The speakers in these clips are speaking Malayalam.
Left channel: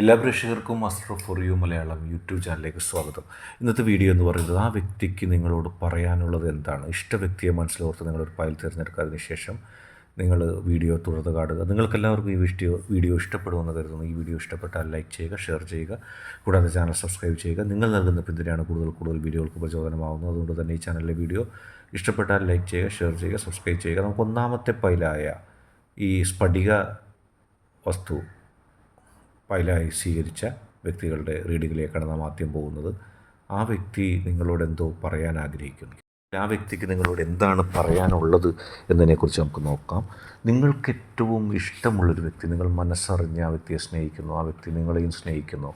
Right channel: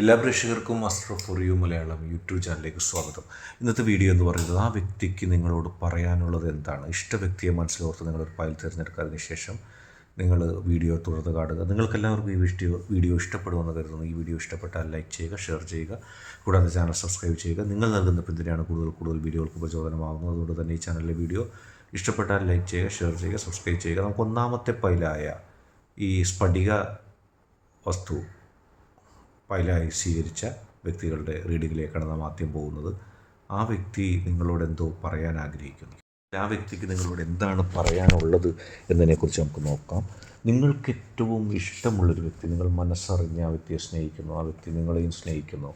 എല്ലാ പ്രേക്ഷകർക്കും master for you Malayalam YouTube ചാനലിലേക്ക് സ്വാഗതം. ഇന്നത്തെ വീഡിയോ എന്ന് പറയുന്നത് ആ വ്യക്തിക്ക് നിങ്ങളോട് പറയാനുള്ളത് എന്താണ്? ഇഷ്ട വ്യക്തിയെ മനസ്സിലോർത്ത് നിങ്ങളൊരു ഫയൽ തിരഞ്ഞെടുക്കാതിന് ശേഷം നിങ്ങൾ വീഡിയോ തുടർന്ന് കാണുക. നിങ്ങൾക്കെല്ലാവർക്കും ഈ വീഡിയോ വീഡിയോ ഇഷ്ടപ്പെടുമെന്ന് കരുതുന്നു. ഈ വീഡിയോ ഇഷ്ടപ്പെട്ടാൽ ലൈക്ക് ചെയ്യുക ഷെയർ ചെയ്യുക. കൂടാതെ ചാനൽ സബ്സ്ക്രൈബ് ചെയ്യുക. നിങ്ങൾ നൽകുന്ന പിന്തുണയാണ് കൂടുതൽ കൂടുതൽ വീഡിയോകൾക്ക് പ്രചോദനമാകുന്നത് അതുകൊണ്ട് തന്നെ ഈ ചാനലിലെ വീഡിയോ ഇഷ്ടപ്പെട്ടാൽ ലൈക്ക് ചെയ്യുക ഷെയർ ചെയ്യുക സബ്സ്ക്രൈബ് ചെയ്യുക. നമുക്ക് ഒന്നാമത്തെ പൈലായ ഈ സ്ഫടിക വസ്തു ഫയലായി സ്വീകരിച്ച വ്യക്തികളുടെ റീഡിങ്ങിലേക്കാണ് നാം ആദ്യം പോകുന്നത്. ആ വ്യക്തി നിങ്ങളോട് എന്തോ പറയാൻ ആഗ്രഹിക്കുന്നു. ആ വ്യക്തിക്ക് നിങ്ങളോട് എന്താണ് പറയാനുള്ളത് എന്നതിനെക്കുറിച്ച് നമുക്ക് നോക്കാം. നിങ്ങൾക്ക് ഏറ്റവും ഇഷ്ടമുള്ളൊരു വ്യക്തി നിങ്ങൾ മനസ്സറിഞ്ഞ് ആ വ്യക്തിയെ സ്നേഹിക്കുന്നു ആ വ്യക്തി നിങ്ങളെയും സ്നേഹിക്കുന്നു.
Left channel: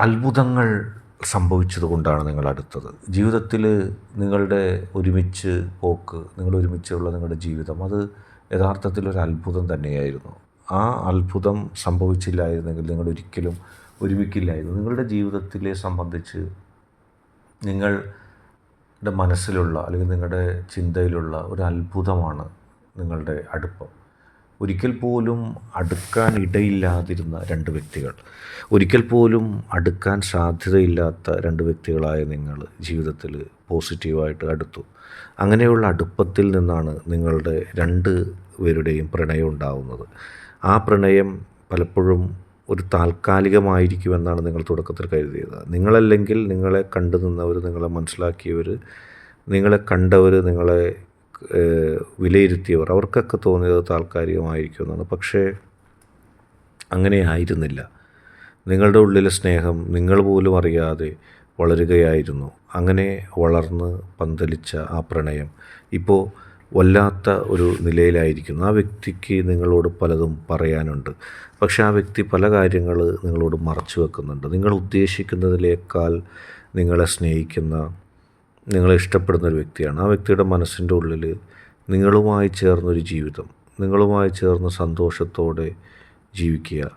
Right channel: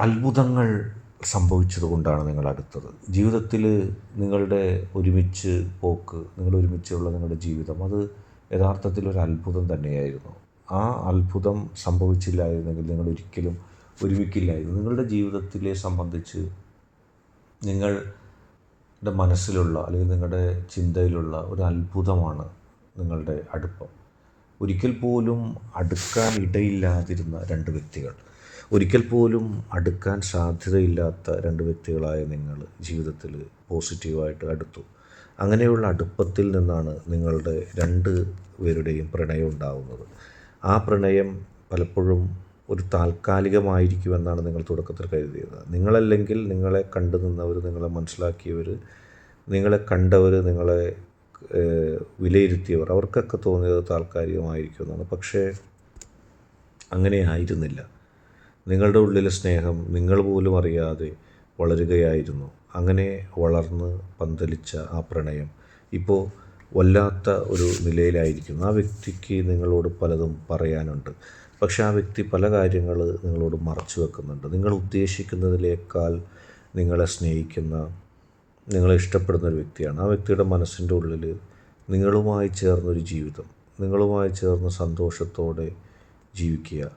അത്ഭുതങ്ങൾ സംഭവിച്ചതുകൊണ്ടാണ് നിങ്ങൾ അടുത്തത്. ജീവിതത്തിൽ നിങ്ങളുടെ ഒരുമിച്ച് പോക്ക് നിങ്ങൾ ഒരുമിച്ചുള്ള നിങ്ങളുടെ ജീവിതം അത് യഥാർത്ഥത്തിൽ ഒരു അത്ഭുതം തന്നെയായിരുന്നു. ആ അത്ഭുതം സംഭവിച്ചില്ലായിരുന്നെങ്കിൽ നിങ്ങൾ ഒരിക്കലും ഒരുമിക്കില്ലായിരുന്നു. നിങ്ങളുടെ ജീവിതത്തിലെ സംബന്ധിച്ച് നിങ്ങളുടെ മനസ്സിലുള്ള അല്ലെങ്കിൽ നിങ്ങളുടെ ചിന്തയിലുള്ള ഒരു അത്ഭുതമാണ് നിങ്ങളുടെ അടുപ്പം. ഒരിക്കൽ പോലും അടുക്കാൻ ഇടയില്ലാതിരുന്ന രണ്ട് വ്യക്തികൾ ഒരിക്കൽ പോലും അടുക്കാൻ സാധ്യതയില്ലാത്ത രണ്ട് വ്യക്തികളായ നിങ്ങൾ ജീവിതത്തിൽ പോസിറ്റീവായിട്ട് അടുത്തു. അങ്ങനെയുള്ള അടുപ്പത്തിൽ നിന്നാണ് നിങ്ങളുടെ രണ്ട് പേരുടെയും പ്രണയം ഉണ്ടാവുന്നത്. ആ പ്രണയം പലപ്പോഴും ഒരു താൽക്കാലികമായിരിക്കുമെന്നാണ് നിങ്ങൾ തുടക്കത്തിൽ കരുതിയത്. നിങ്ങളല്ലെങ്കിൽ നിങ്ങളെ കണ്ടു നിന്നവർ നിങ്ങളെ മനസ്സിലാക്കിയവർ നിങ്ങളെ കണ്ടവർ നിങ്ങളെ വിലയിരുത്തിയവർ അവർക്കൊക്കെ തോന്നിയത് താൽക്കാലികമായിരിക്കുമെന്നാണ്. പക്ഷേ അങ്ങനെ ആയിരുന്നില്ല നിങ്ങളുടെ ഉള്ളിലെ സ്നേഹം നിങ്ങൾ പോലും അറിയാതെ വളരുകയായിരുന്നു. അങ്ങനെ വളർന്ന് പന്തലിച്ച ആ പ്രണയം. ഇപ്പോൾ വല്ലാത്ത ഒരു നിലയിലായിരിക്കുന്നു. ആ വ്യക്തിക്ക് നിങ്ങളോട് പലതും പറയാനുണ്ട്. പക്ഷെ ആ വ്യക്തി പല കാര്യങ്ങൾ നിങ്ങളോട് മറച്ചു വെക്കുന്നുണ്ട്. നിങ്ങൾ ഉദ്ദേശിക്കുന്നതിലേക്കാൾ നിങ്ങളെ സ്നേഹിക്കുന്ന നിങ്ങളെ ഇഷ്ടപ്പെടുന്ന ഒരു വ്യക്തിയാണ്. ആ വ്യക്തിയുടെ മനസ്സിന്റെ ഉള്ളിൽ നിങ്ങളുമായി ചേർന്നൊരു ജീവിതം നിങ്ങളുമായി ചേർന്ന് സന്തോഷത്തോടെ ജീവിക്കുക.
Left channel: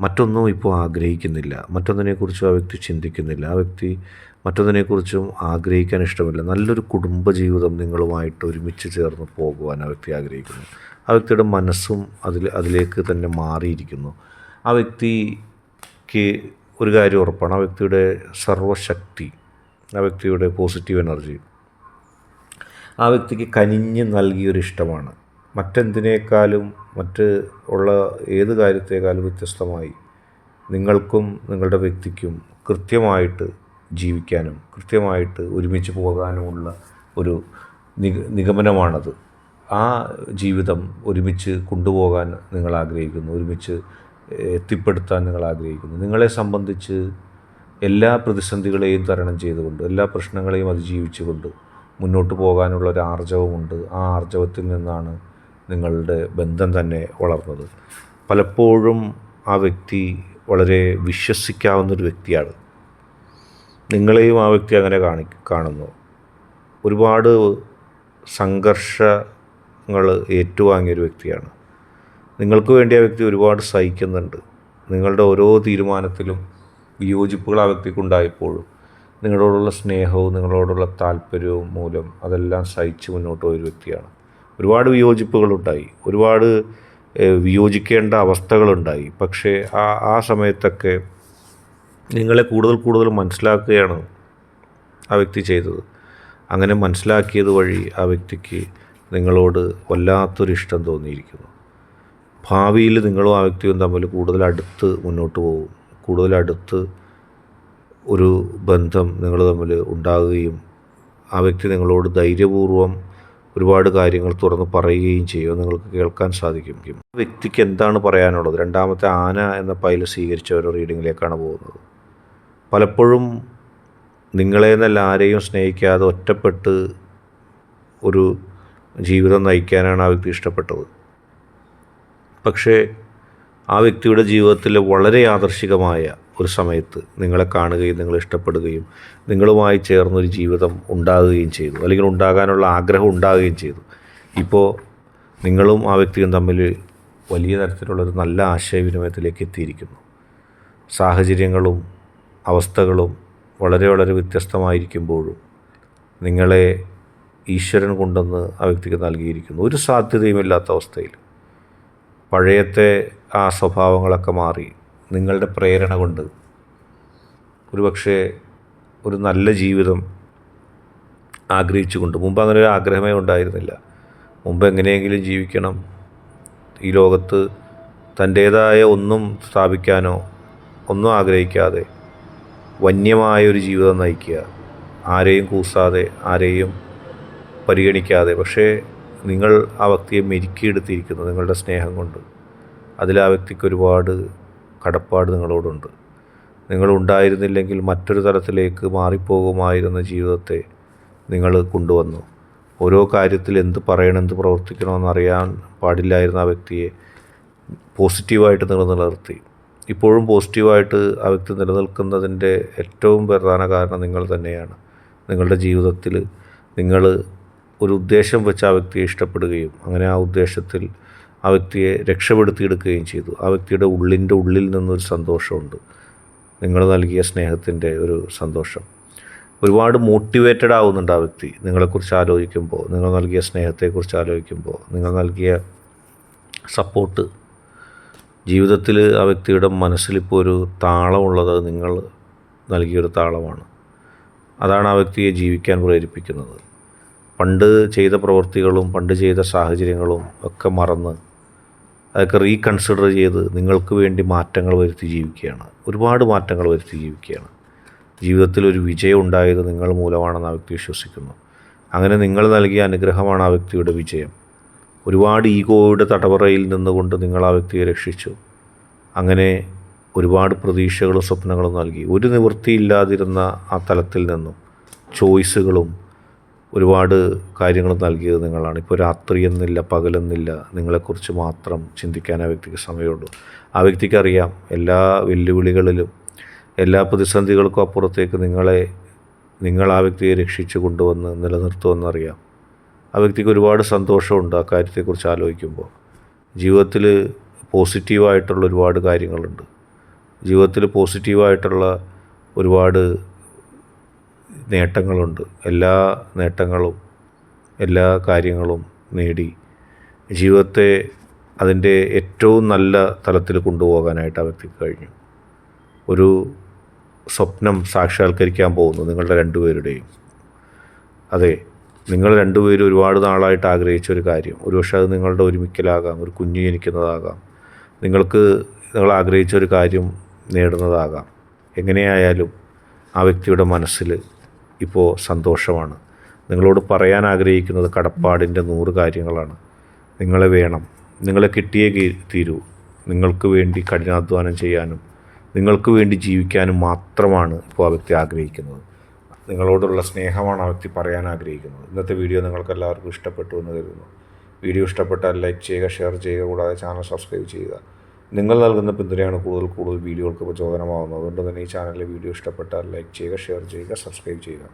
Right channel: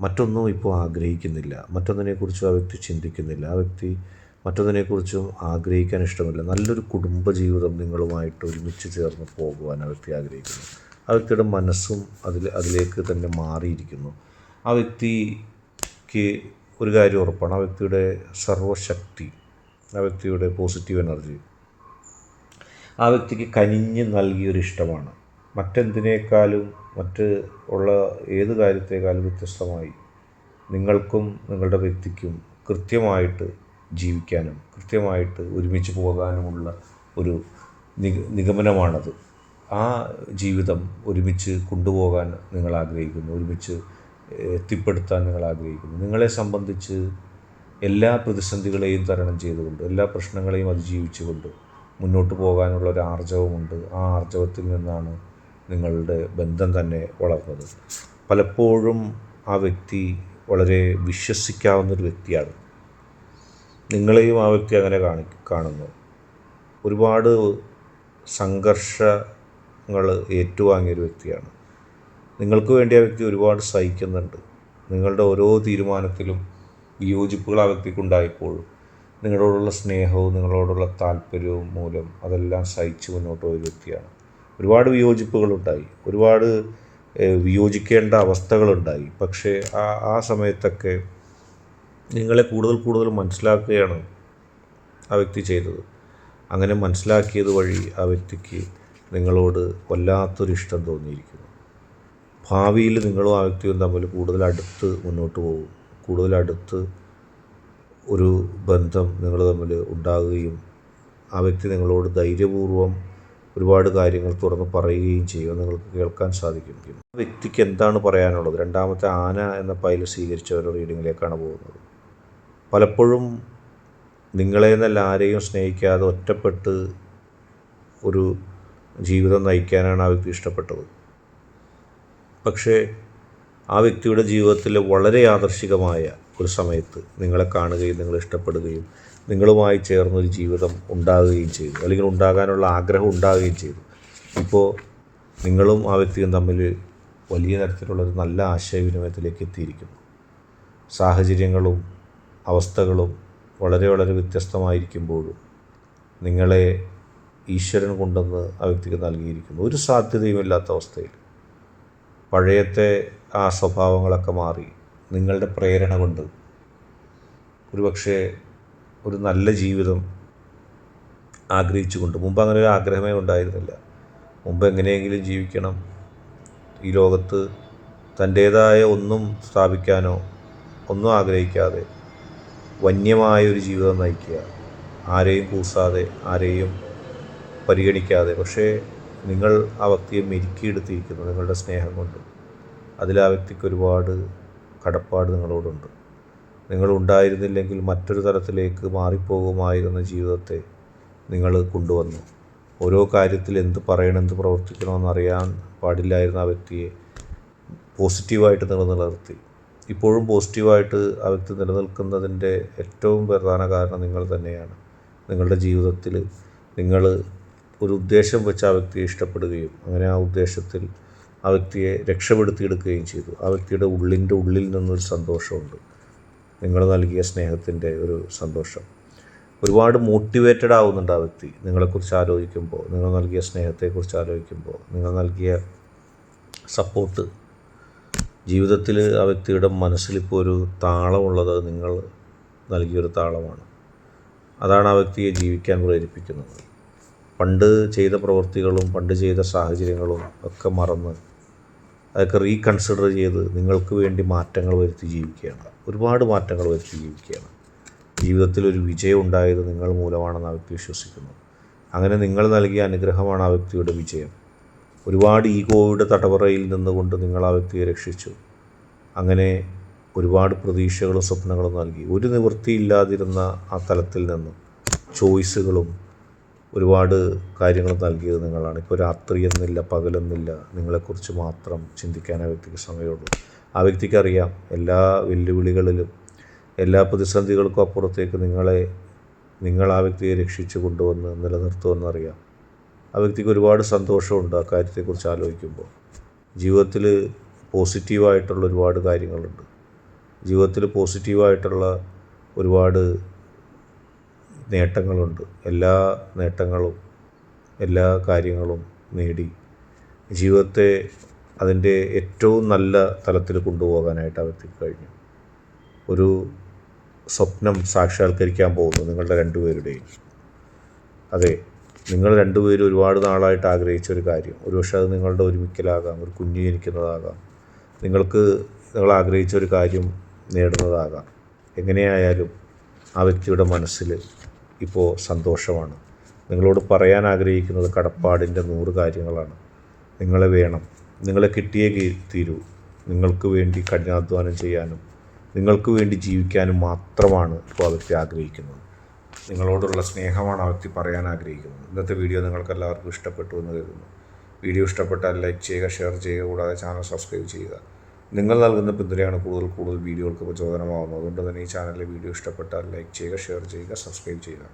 മറ്റൊന്നും ഇപ്പോൾ ആഗ്രഹിക്കുന്നില്ല. മറ്റൊന്നിനെക്കുറിച്ചും ആ വ്യക്തി ചിന്തിക്കുന്നില്ല. ആ വ്യക്തി മറ്റൊന്നിനെക്കുറിച്ചും ആഗ്രഹിക്കാൻ ഇഷ്ടമില്ല. നല്ലൊരു കുടുംബജീവിതം നിങ്ങളുമായിട്ട് ഒരുമിച്ച് ചേർന്ന് പോകുവാൻ ആ വ്യക്തി ആഗ്രഹിക്കുന്നു. ആ വ്യക്തിയുടെ മനസ്സും അതിൽ അതിലേക്ക് തന്നെ മാറിയിരിക്കുന്നു. ആ വ്യക്തിക്ക് ഒരു കാര്യം ഉറപ്പാണ്. ആ വ്യക്തിയുടെ സർവശക്തി ആ വ്യക്തിയുടെ പോസിറ്റീവ് എനർജി ആ വ്യക്തിക്ക് കനിഞ്ഞ് നൽകിയൊരു ഇഷ്ടമാണ്. മറ്റെന്തിനേക്കാളും മറ്റ് ഉള്ള ഏത് കാര്യത്തേക്കാളും വ്യത്യസ്തമായി നിങ്ങൾക്കും നിങ്ങളുടെ വ്യക്തിക്കും കൃത്യമായിട്ട് ജീവിക്കാനും കൃത്യമായിട്ട് ഒരുമിച്ച് പോകാനുമുള്ള ഒരു നിഗ നിഗമനമാണത്. ആ ജീവിതം ഒരുമിച്ച് കൊണ്ടുപോകാൻ നിങ്ങൾ ആഗ്രഹിക്കുന്നു ഒരുമിച്ച് എത്തിപ്പെടുത്താൻ നിങ്ങൾ ആഗ്രഹിക്കുന്നു. നിങ്ങളെ സംബന്ധിച്ച് എല്ലാ പ്രതിസന്ധികളെയും തരണം ചെയ്തുകൊണ്ട് എല്ലാ പ്രശ്നങ്ങളെയും അതിജീവിച്ചുകൊണ്ട് മുന്നോട്ട് പോകാനുള്ള ഒരു ആർജവമുണ്ട്. ആ ആർജവത്തിൽ നിന്നാണ് നിങ്ങളുടെ ബന്ധം തന്നെ വളർന്നത്. പലപ്പോഴും ആ വ്യക്തി വളരെ വിശ്വസിക്കാവുന്നൊരു വ്യക്തിയാണ്. നിങ്ങളെയും ആ വ്യക്തി അങ്ങനെ കാണി കാണുന്നു. ഒരുപാട് സംഘർഷങ്ങൾ ഏറ്റുവാങ്ങിയൊരു വ്യക്തിയാണ്. നിങ്ങൾക്ക് വേണ്ടി ആ വ്യക്തി ഒരുപാട് സഹിക്കുന്നുണ്ട്. നിങ്ങളുടെ ഓരോ തീരുമാനത്തിലും വിയോജിപ്പുകൾ ആ വ്യക്തിക്കുണ്ടായപ്പോഴും നിങ്ങളോടുള്ള സ്നേഹവും നിങ്ങളോടുള്ള താല്പര്യവും മൂലം അതെല്ലാം സഹിച്ച് മുന്നോട്ട് പോയൊരു വ്യക്തിയാണ്. ഒരുപാട് വിയോജിപ്പുകളുണ്ടായി ഒരുപാട് വിയോജിക്കേണ്ട അവസ്ഥകളുണ്ടായി പക്ഷേ ആ ആ സമയത്തൊക്കെ നിങ്ങളെ കൂടുതൽ കൂടുതൽ മനസ്സിലാക്കുകയാണ് ആ വ്യക്തി ചെയ്തത്. അങ്ങനെ മനസ്സിലാക്കിയത് വഴി ആ വ്യക്തിക്ക് നിങ്ങളോട് വല്ലാത്തൊരു ഇഷ്ടം തോന്നിയിരിക്കുന്നു. ഭാവിയിൽ നിങ്ങളും ആ വ്യക്തിയും തമ്മിൽ കൂടുതൽ അടുത്ത് മുന്നോട്ട് പോകും. കൂടുതൽ അടുത്ത് ഒരു ബന്ധം നിങ്ങൾ തമ്മിൽ ഉണ്ടാകുകയും ആ വ്യക്തി നിങ്ങളോട് ധൈര്യപൂർവം ഒരുപാട് കാര്യങ്ങൾ തുറന്ന് പറയുകയും ചെയ്യും. നിങ്ങൾക്ക് കേൾക്കാൻ സാധിക്കും. ആ വ്യക്തിക്ക് എന്താണ് പറയാനുള്ളത്? രണ്ടാമത്തെ ആന എന്ന പൈൽ സ്വീകരിച്ച ഒരു റീഡിങ്ങിലേക്കാണ് പോകുന്നത്. പലപ്പോഴും നിങ്ങളെ എന്നല്ല ആരെയും സ്നേഹിക്കാതെ ഒറ്റപ്പെട്ട് ഒരു ജീവിതം നയിക്കാനാണ് ആ വ്യക്തി ഇഷ്ടപ്പെട്ടത്. പക്ഷേ ആ വ്യക്തിയുടെ ജീവിതത്തിൽ വളരെ ആദർശികമായ ഒരു സമയത്ത് നിങ്ങളെ കാണുകയും നിങ്ങളെ ഇഷ്ടപ്പെടുകയും നിങ്ങളുമായി ചേർന്നൊരു ജീവിതം ഉണ്ടാകുകയും ചെയ്തു. അല്ലെങ്കിൽ ഉണ്ടാകാനുള്ള ആഗ്രഹം ഉണ്ടാകുകയും ചെയ്തു. ഇപ്പോൾ നിങ്ങളും ആ വ്യക്തിയും തമ്മിൽ വലിയ തരത്തിലുള്ളൊരു നല്ല ആശയവിനിമയത്തിലേക്ക് എത്തിയിരിക്കുന്നു. സാഹചര്യങ്ങളും അവസ്ഥകളും വളരെ വളരെ വ്യത്യസ്തമായിരിക്കുമ്പോഴും നിങ്ങളെ ഈശ്വരൻ കൊണ്ടെന്ന് ആ വ്യക്തിക്ക് നൽകിയിരിക്കുന്നു. ഒരു സാധ്യതയുമില്ലാത്ത അവസ്ഥയിൽ പഴയത്തെ ആ സ്വഭാവങ്ങളൊക്കെ മാറി നിങ്ങളുടെ പ്രേരണ കൊണ്ട് ഒരുപക്ഷെ ഒരു നല്ല ജീവിതം ആഗ്രഹിച്ചുകൊണ്ട് മുമ്പ് അങ്ങനെ ഒരു ആഗ്രഹമേ ഉണ്ടായിരുന്നില്ല. മുമ്പ് എങ്ങനെയെങ്കിലും ജീവിക്കണം. ഈ ലോകത്ത് തന്റേതായ ഒന്നും സ്ഥാപിക്കാനോ ഒന്നും ആഗ്രഹിക്കാതെ വന്യമായ ഒരു ജീവിതം നയിക്കുക. ആരെയും കൂസാതെ ആരെയും പരിഗണിക്കാതെ. പക്ഷേ നിങ്ങൾ ആ വ്യക്തിയെ മെരുക്കിയെടുത്തിരിക്കുന്നു നിങ്ങളുടെ സ്നേഹം കൊണ്ട്. അതിൽ ആ വ്യക്തിക്ക് ഒരുപാട് കടപ്പാട് നിങ്ങളോടുണ്ട്. നിങ്ങൾ ഉണ്ടായിരുന്നില്ലെങ്കിൽ മറ്റൊരു തലത്തിലേക്ക് മാറിപ്പോകുമായിരുന്ന ജീവിതത്തെ നിങ്ങൾ കൊണ്ടുവന്നു. ഓരോ കാര്യത്തിൽ എന്ത് പറയണം എന്ത് പ്രവർത്തിക്കണമെന്ന് അറിയാൻ പാടില്ലായിരുന്ന ആ വ്യക്തിയെ പോസിറ്റീവായിട്ട് നിങ്ങൾ നിലനിർത്തി. ഇപ്പോഴും പോസിറ്റീവായിട്ട് ആ വ്യക്തി നിലനിൽക്കുന്നതിന്റെ ഏറ്റവും പ്രധാന കാരണം നിങ്ങൾ തന്നെയാണ്. നിങ്ങളുടെ ജീവിതത്തിൽ നിങ്ങൾ ഒരു ഉദ്ദേശം വെച്ച് ആ വ്യക്തിയെ ഇഷ്ടപ്പെടുകയും അങ്ങനെ ആ ഉദ്ദേശത്തിൽ ആ വ്യക്തിയെ രക്ഷപ്പെടുത്തിയെടുക്കുകയും ചെയ്തു. ആ വ്യക്തിയുടെ ഉള്ളിന്റെ ഉള്ളിൽ നിന്നൊരു സന്തോഷമുണ്ട്. നിങ്ങൾ നൽകിയ സ്നേഹത്തിന്റെ ഒരു സന്തോഷം. ഒരുപാട് മോട്ടിവേറ്റഡ് ആവുന്നുണ്ട് ആ വ്യക്തി. നിങ്ങളെക്കുറിച്ച് ആലോചിക്കുമ്പോൾ നിങ്ങൾ നൽകിയ സ്നേഹത്തെക്കുറിച്ച് ആലോചിക്കുമ്പോൾ നിങ്ങൾ നൽകിയ സപ്പോർട്ട് ജീവിതത്തിൽ ആ വ്യക്തിയുടെ മനസ്സിലിപ്പോൾ ഒരു താളമുള്ളത് നിങ്ങൾ നൽകിയൊരു താളമാണ്. അതാണ് ആ വ്യക്തിയെ ജീവിക്കാൻ പ്രേരിപ്പിക്കുന്നത്. പണ്ട് ചെയ്ത പ്രവൃത്തികളും പണ്ട് ചെയ്ത സാഹചര്യങ്ങളും ഒക്കെ മറന്ന് അതൊക്കെ റീകൺസിഡർ ചെയ്ത് നിങ്ങൾക്ക് വേണ്ടി മാറ്റങ്ങൾ വരുത്തി ജീവിക്കുകയാണ്. ഒരുപാട് മാറ്റങ്ങൾ വരുത്തി ജീവിക്കുകയാണ്. ജീവിതത്തിൽ ഒരു വിജയം ഉണ്ടായത് നിങ്ങൾ മൂലമാണെന്ന് ആ വ്യക്തി വിശ്വസിക്കുന്നു. അങ്ങനെ നിങ്ങൾ നൽകിയ അനുഗ്രഹമാണ് ആ വ്യക്തിയുടെ വിജയം. ഒരുപാട് ഈഗോയുടെ തടവറയിൽ നിന്നുകൊണ്ട് നിങ്ങൾ ആ വ്യക്തിയെ രക്ഷിച്ചു. അങ്ങനെ ഒരുപാട് പ്രതീക്ഷകളും സ്വപ്നങ്ങളും നൽകി. ഒരു നിവൃത്തിയില്ലാതിരുന്ന ആ തലത്തിൽ നിന്നും ചോയ്സുകളും ഒരുപാട് കാര്യങ്ങൾ നൽകിയത് നിങ്ങളാണ്. ഇപ്പോൾ രാത്രി എന്നില്ല പകലെന്നില്ല നിങ്ങളെക്കുറിച്ച് മാത്രം ചിന്തിക്കാൻ ആ വ്യക്തിക്ക് സമയമുള്ളൂ. ആ വ്യക്തിക്ക് അറിയാം എല്ലാ വെല്ലുവിളികളിലും എല്ലാ പ്രതിസന്ധികൾക്കും അപ്പുറത്തേക്ക് നിങ്ങളെ നിങ്ങൾ ആ വ്യക്തിയെ രക്ഷിച്ചു കൊണ്ടുവന്ന് നിലനിർത്തുമെന്നറിയാം. ആ വ്യക്തിക്ക് ഒരുപാട് സന്തോഷമുണ്ട് ആ കാര്യത്തെക്കുറിച്ച് ആലോചിക്കുമ്പോൾ. ജീവിതത്തിൽ പോസിറ്റീവായിട്ടുള്ള ഒരുപാട് കാര്യങ്ങളുണ്ട്. ജീവിതത്തിൽ പോസിറ്റീവായിട്ടുള്ള ഒരുപാട് നേട്ടങ്ങളുണ്ട്. എല്ലാ നേട്ടങ്ങളും എല്ലാ കാര്യങ്ങളും നേടി ജീവിതത്തെ അതിന്റെ ഏറ്റവും നല്ല തലത്തിൽ കൊണ്ടുപോകാനായിട്ട് ആ വ്യക്തിക്ക് കഴിഞ്ഞു. ഒരു സ്വപ്നം സാക്ഷാത്കരിക്കാൻ പോകുന്നു നിങ്ങളുടെ രണ്ടുപേരുടെയും. അതെ നിങ്ങൾ രണ്ടുപേരും ഒരുപാട് നാളായിട്ട് ആഗ്രഹിച്ച ഒരു കാര്യം. ഒരുപക്ഷെ അത് നിങ്ങളുടെ ഒരുമിക്കലാകാം ഒരു കുഞ്ഞു ജനിക്കുന്നതാകാം. നിങ്ങൾക്ക് നിങ്ങൾ ആഗ്രഹിച്ച ഒരു കാര്യം നേടുന്നതാകാം. എങ്ങനെയായാലും ആ വ്യക്തിയുടെ മനസ്സിൽ ഇപ്പോൾ സന്തോഷമാണ്. നിങ്ങളോട് പറയാൻ ആഗ്രഹിക്കുന്നത് കടപ്പാടിന്റെ നൂറ് കാര്യങ്ങളാണ്. നിങ്ങളെ വേണം. നിങ്ങളെ കിട്ടിയേ തീരൂ. നിങ്ങൾക്ക് വേണ്ടി കഠിനാധ്വാനം ചെയ്യാനും നിങ്ങൾക്ക് വേണ്ടി ജീവിക്കാനും മാത്രമാണ് ഇപ്പോൾ ആ വ്യക്തി ആഗ്രഹിക്കുന്നത്. നിങ്ങളോടുള്ള സ്നേഹമാണ് ആ വ്യക്തി പറയാൻ ആഗ്രഹിക്കുന്നത്. ഇന്നത്തെ വീഡിയോ നിങ്ങൾക്ക് എല്ലാവർക്കും ഇഷ്ടപ്പെട്ടു എന്ന് കരുതുന്നു. വീഡിയോ ഇഷ്ടപ്പെട്ടാൽ ലൈക്ക് ചെയ്യുക ഷെയർ ചെയ്യുക കൂടാതെ ചാനൽ സബ്സ്ക്രൈബ് ചെയ്യുക. നിങ്ങൾ നൽകുന്ന പിന്തുണയാണ് കൂടുതൽ കൂടുതൽ വീഡിയോകൾക്ക് പ്രചോദനമാകുന്നത് അതുകൊണ്ട് തന്നെ ഈ ചാനലിലെ വീഡിയോ ഇഷ്ടപ്പെട്ടാൽ ലൈക്ക് ചെയ്യുക ഷെയർ ചെയ്യുക സബ്സ്ക്രൈബ് ചെയ്യുക.